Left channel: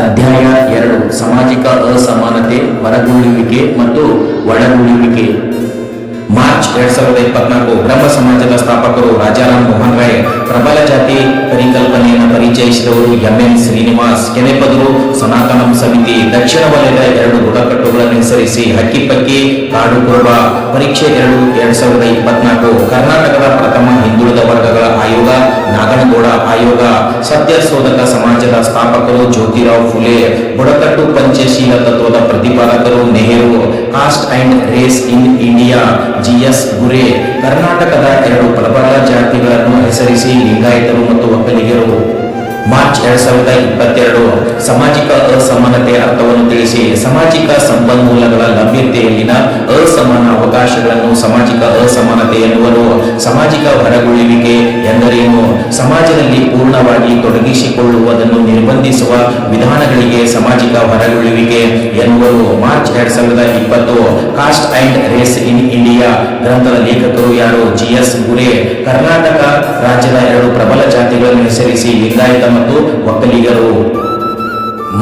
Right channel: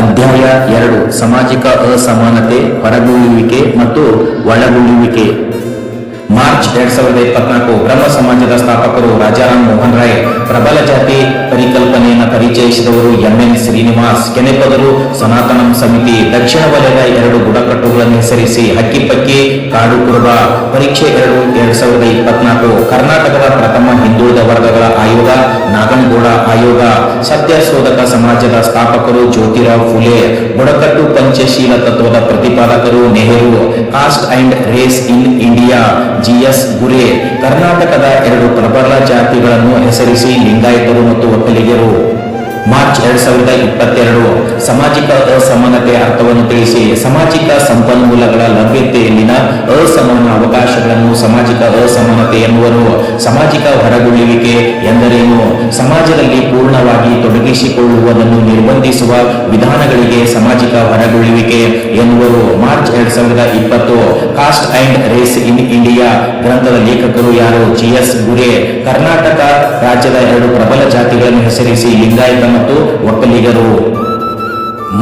ಅಧ್ಯಾಯ ಎರಡು ಸಾಮಾಜಿಕ ಅಸಮಾನತೆ ಹೊರಗುಳಿಯುವಿಕೆ ಮತ್ತು ಒಳಗುಳಿಯುವಿಕೆ. ಮಾರ್ಚ್ ಎರಡ್ ಸಾವಿರದ ಇಪ್ಪತ್ನಾಲ್ಕು ಬ್ರಹ್ಮ ಸಮಾಜದ ಸ್ಥಾಪಕರು ರಾಜಾರಾಮ್ ಮೋಹನ್ ರಾಯ್ ಪ್ರಬಲ ಜಾತಿ ಪರಿಕಲ್ಪನೆಯನ್ನು ಪರಿಚಯಿಸಿದವರು ಎಂ ಎನ್ ಶ್ರೀನಿವಾಸ್ ಕೆನೆಪದರು ಸನಾತನಂ ಸಮಿತಿ ದಕ್ಷಿಣ ವಲಯದ ಎರಡು ಬುಡಕಟ್ಟುಗಳನ್ನು ಹೆಸರಿಸಿ ಹಕ್ಕಿಪಕ್ಕಿ ಕಾಡು ಕುರುಬ ಪರೀಕ್ಷೆ ಎರಡು ಎರಡ್ ಸಾವಿರದ ಇಪ್ಪತ್ನಾಲ್ಕು ಕರ್ನಾಟಕದ ಪ್ರಥಮ ಹಿಂದುಳಿದ ವರ್ಗಗಳ ಆಯೋಗ ನಾಗನಗೌಡ ಆಯೋಗ ಸತ್ಯ ಶೋಧಕ ಸಮಾಜದ ಸ್ಥಾಪಕರು ಜ್ಯೋತಿರಾವ್ ಫುಲೆ ಬುಡಕಟ್ಟು ಪಂಚಶೀಲ ತತ್ವದ ಪ್ರತಿಪಾದಕರು Nehru caste and race in India G S Ghurye. ಕರ್ನಾಟಕದ ಎರಡು ಪ್ರಬಲ ಜಾತಿಗಳನ್ನು ಹೆಸರಿಸಿ ಲಿಂಗಾಯತರು ಮತ್ತು ಒಕ್ಕಲಿಗರು. ಮಾರ್ಚ್ ಎರಡ್ ಸಾವಿರದ ಇಪ್ಪತ್ತೆರಡು ಸಾಮಾಜಿಕ ಅಸಮಾನತೆ ಅರ್ಥವನ್ನು ತಿಳಿಸಿ ಸಾಮಾಜಿಕ ಸಂಪನ್ಮೂಲಗಳ ಲಭ್ಯತೆಯಲ್ಲಿನ ಅಸಮಾನ ಅವಕಾಶಗಳನ್ನು ಸಾಮಾಜಿಕ ಅಸಮಾನತೆ ಎನ್ನುವರು. ಸಾಮಾಜಿಕ ಹೊರಗುಳಿವಿಕೆ ಎಂದರೇನು? ಸಮಾಜದಲ್ಲಿ ಪೂರ್ಣವಾಗಿ ತೊಡಗಿಸಿಕೊಳ್ಳುವುದನ್ನು ನಿರ್ಬಂಧಿಸುವ ವಿಧಾನಗಳಿಗೆ ಸಾಮಾಜಿಕ ಹೊರಗುಳಿವಿಕೆ ಎನ್ನುವರು. ಮಾರ್ಚ್ ಎರಡ್ ಸಾವಿರದ ಇಪ್ಪತ್ತು caste and race in India ಗ್ರಂಥದ ಲೇಖಕರು ಯಾರು? G S ಗುರೆ. ಕರ್ನಾಟಕ ರಾಜ್ಯದ ಎರಡು ಪ್ರಬಲ ಜಾತಿಗಳನ್ನು ಹೆಸರಿಸಿ ಲಿಂಗಾಯತ ಮತ್ತು ಒಕ್ಕಲಿಗರು.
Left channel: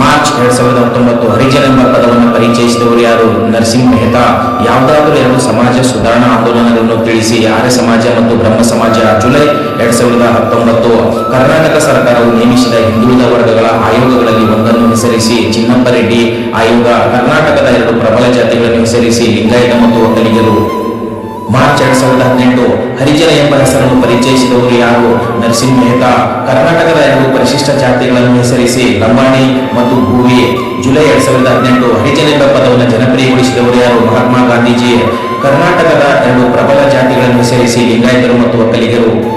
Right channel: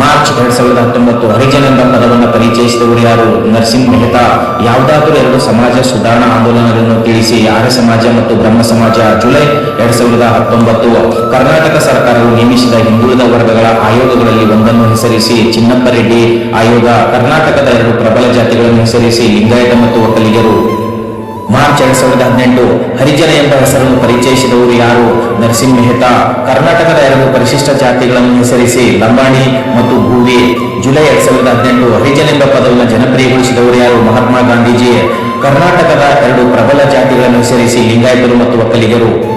ಮಾರ್ಚ್ ಎರಡ್ ಸಾವಿರದ ಹತ್ತೊಂಬತ್ತು ಹರಿಜನ್ ಎಂಬ ಪದವನ್ನು ಪರಿಚಯಿಸಿದವರು ಯಾರು? ನರಸಿಂಹ ಮೆಹ್ತಾ. ಯಾವುದಾದರೂ ಎರಡು ಸಮಾಜ ಸುಧಾರಣಾ ಆಂದೋಲನಗಳನ್ನು ತಿಳಿಸಿ, ಆರ್ಯ ಸಮಾಜ ಮತ್ತು ಬ್ರಹ್ಮ ಸಮಾಜ. ಜುಲೈ ಎರಡ್ ಸಾವಿರದ ಹತ್ತೊಂಬತ್ತು ಕರ್ನಾಟಕ ಸರ್ಕಾರವು ನೇಮಿಸಿದ ಹಿಂದುಳಿದ ವರ್ಗಗಳ ಆಯೋಗಗಳಲ್ಲಿ ಒಂದನ್ನು ಹೆಸರಿಸಿ, ಚಿನ್ನಪ್ಪ ರೆಡ್ಡಿ ಆಯೋಗ. ಕರ್ನಾಟಕದ ಎರಡು ಪ್ರಬಲ ಜಾತಿಗಳನ್ನು ಹೆಸರಿಸಿ, ಲಿಂಗಾಯತ ಮತ್ತು ಒಕ್ಕಲಿಗರು. ಮಾರ್ಚ್ ಎರಡ್ ಸಾವಿರದ ಹದಿನೆಂಟು ಹರಿಜನ ಎಂಬ ಹೆಸರನ್ನು ಪರಿಚಯಿಸಿದವರು ಯಾರು? ನರಸಿಂಹ ಮೆಹ್ತಾ. ಕರ್ನಾಟಕದ ಎರಡು ಪರಿಶಿಷ್ಟ ಜಾತಿಗಳನ್ನು ಹೆಸರಿಸಿ ಲಂಬಾಣಿ ಮತ್ತು ಭೂವಿ. ಜುಲೈ ಎರಡ್ ಸಾವಿರದ ಹದಿನೆಂಟು ಹರಿಜನ ಎಂಬ ಪದವನ್ನು ಜನಪ್ರಿಯಗೊಳಿಸಿದವರು ಯಾರು? ಮಹಾತ್ಮ ಗಾಂಧೀಜಿ. ಕರ್ನಾಟಕದ ಎರಡು ಪ್ರಬಲ ಜಾತಿಗಳನ್ನು ಸೇರಿಸಿ ಲಿಂಗಾಯತರು ಮತ್ತು ಒಕ್ಕಲಿಗರು.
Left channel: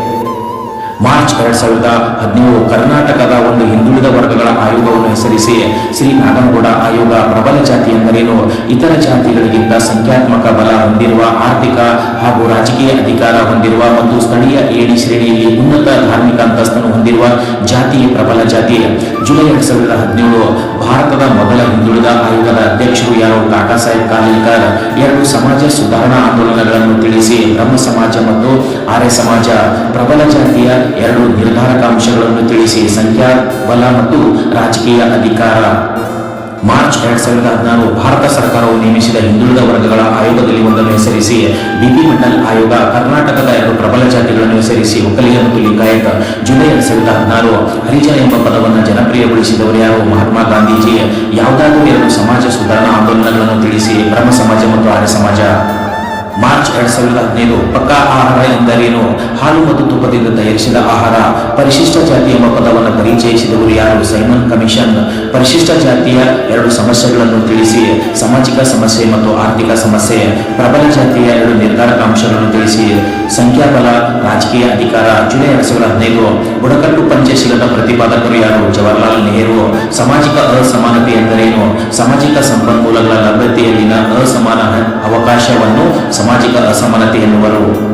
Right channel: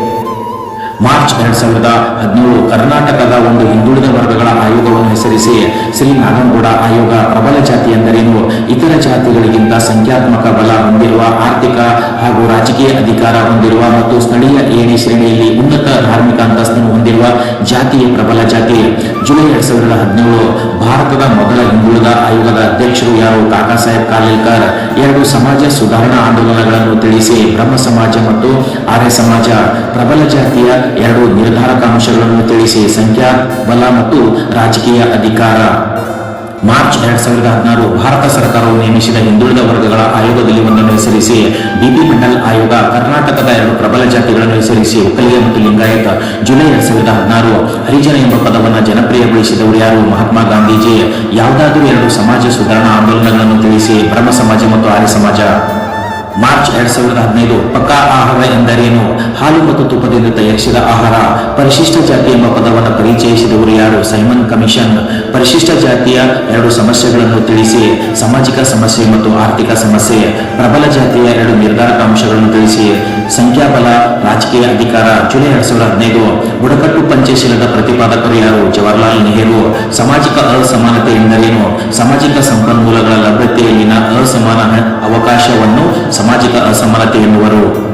ಮಾರ್ಚ್ ಎರಡ್ ಸಾವಿರದ ಹದಿನೇಳು ಕರ್ನಾಟಕದ ಒಂದು ಹಿಂದುಳಿದ ವರ್ಗಗಳ ಆಯೋಗವನ್ನು ಹೆಸರಿಸಿ ಶ್ರೀ ನಾಗನಗೌಡ ಆಯೋಗ ಪ್ರಬಲ ಜಾತಿ ಎಂದರೇನು? ಇತರ ಜಾತಿಗಳಿಗಿಂತ ಸಂಖ್ಯಾತ್ಮಕ ಬಲ ಹೊಂದಿರುವ ಆರ್ಥಿಕ ಹಾಗೂ ರಾಜಕೀಯ ಅಧಿಕಾರ ಹೊಂದಿರುವ ಮತ್ತು ಸ್ಥಳೀಯ ಏಣಿ ಶ್ರೇಣಿಯಲ್ಲಿ ಉನ್ನತ ಧಾರ್ಮಿಕ ಅಂತಸ್ತನ್ನು ಹೊಂದಿರುವ ಜಾತಿಯ ಪ್ರಬಲ ಜಾತಿ. ಜುಲೈ ಎರಡ್ ಸಾವಿರದ ಹದಿನೇಳು ಭಾರತದ ಮೊದಲ ಹಿಂದುಳಿದ ಆಯೋಗದ ಅಧ್ಯಕ್ಷರು ಯಾರು? ಕಾಕಾ ಸಾಹೇಬ್ ಕಾಲಿಲ್ಕರ್. ಎರಡು ಸಮಾಜ ಸುಧಾರಣಾ ಆಂದೋಲನಗಳನ್ನು ತಿಳಿಸಿ ಬ್ರಹ್ಮ ಸಮಾಜ ಮತ್ತು ಆರ್ಯ ಸಮಾಜ ಪ್ರಬಲ ಜಾತಿಯ ಎರಡು ನಿರ್ಧಾರಕ ಅಂಶಗಳನ್ನು ತಿಳಿಸಿ ಸಂಖ್ಯಾ, ಬಲ ಮತ್ತು ರಾಜಕೀಯ ಅಧಿಕಾರ. ಮಾರ್ಚ್ ಎರಡ್ ಸಾವಿರದ ಹದಿನಾರು ಭಾರತ ಸರ್ಕಾರವು ನೇಮಿಸಿದ ಹಿಂದುಳಿದ ವರ್ಗಗಳ ಆಯೋಗದಲ್ಲಿ ಒಂದನ್ನು ಹೆಸರಿಸಿ ಬಿಪಿ ಮಂಡಲ್ ಆಯೋಗ, ಕರ್ನಾಟಕದ ಎರಡು ಪ್ರಬಲ ಜಾತಿಗಳನ್ನು ಹೆಸರಿಸಿ ಒಕ್ಕಲಿಗ ಮತ್ತು ಲಿಂಗಾಯತ. ಜುಲೈ ಎರಡ್ ಸಾವಿರದ ಹದಿನಾರು ಹರಿಜನ ಎಂಬ ಪದವನ್ನು ಜನಪ್ರಿಯಗೊಳಿಸಿದವರು ಯಾರು? ಮಹಾತ್ಮ ಗಾಂಧೀಜಿ. ಯಾವುದಾದರೂ ಎರಡು ಸಮಾಜ ಸುಧಾರಣಾ ಆಂದೋಲನಗಳನ್ನು ತಿಳಿಸಿ ಬ್ರಹ್ಮ ಸಮಾಜ ಮತ್ತು ಆರ್ಯ ಸಮಾಜ. ಮಾರ್ಚ್ ಎರಡ್ ಸಾವಿರದ ಹದಿನೈದು ಪಕ್ಕಾ ಆಹಾರ ಎಂದರೇನು? ಹಾಲು ಮತ್ತು ತುಪ್ಪದಿಂದ ತಯಾರಿಸಿದ ಆಹಾರ. ಪರಿಶಿಷ್ಟ ಜಾತಿ ಎಂಬ ಪದವನ್ನು ಪರಿಚಯಿಸಿದವರು ಯಾರು? Simon Commission. ಪರಿಶಿಷ್ಟ ಜಾತಿಯ ಎರಡು ಸಮಸ್ಯೆಗಳನ್ನು ತಿಳಿಸಿ. ಸಾಮಾಜಿಕ ಸಮಸ್ಯೆ ಮತ್ತು ಆರ್ಥಿಕ ಸಮಸ್ಯೆ. ಪ್ರಬಲ ಜಾತಿಯ ಎರಡು ನಿರ್ಧಾರಕ ಅಂಶಗಳನ್ನು ತಿಳಿಸಿ. ಸಂಖ್ಯಾಬಲ, ರಾಜಕೀಯ ಅಧಿಕಾರ. ಜುಲೈ ಎರಡ್ ಸಾವಿರದ ಹದಿನೈದು. ಬುಡಕಟ್ಟು ಪಂಚಶೀಲದ ಪ್ರತಿಪಾದಕರು ಯಾರು? ಜವಾಹರ್ಲಾಲ್ ನೆಹರು. ಸಾಮಾಜಿಕ ಅಸಮಾನತೆ ಎಂದರೇನು? ಸಾಮಾಜಿಕ ಸಂಪನ್ಮೂಲಗಳ ಲಭ್ಯತೆಯಲ್ಲಿನ ಅಸಮಾನ ಅವಕಾಶವನ್ನು ಸಾಮಾಜಿಕ ಅಸಮಾನತೆ ಎನ್ನುವರು.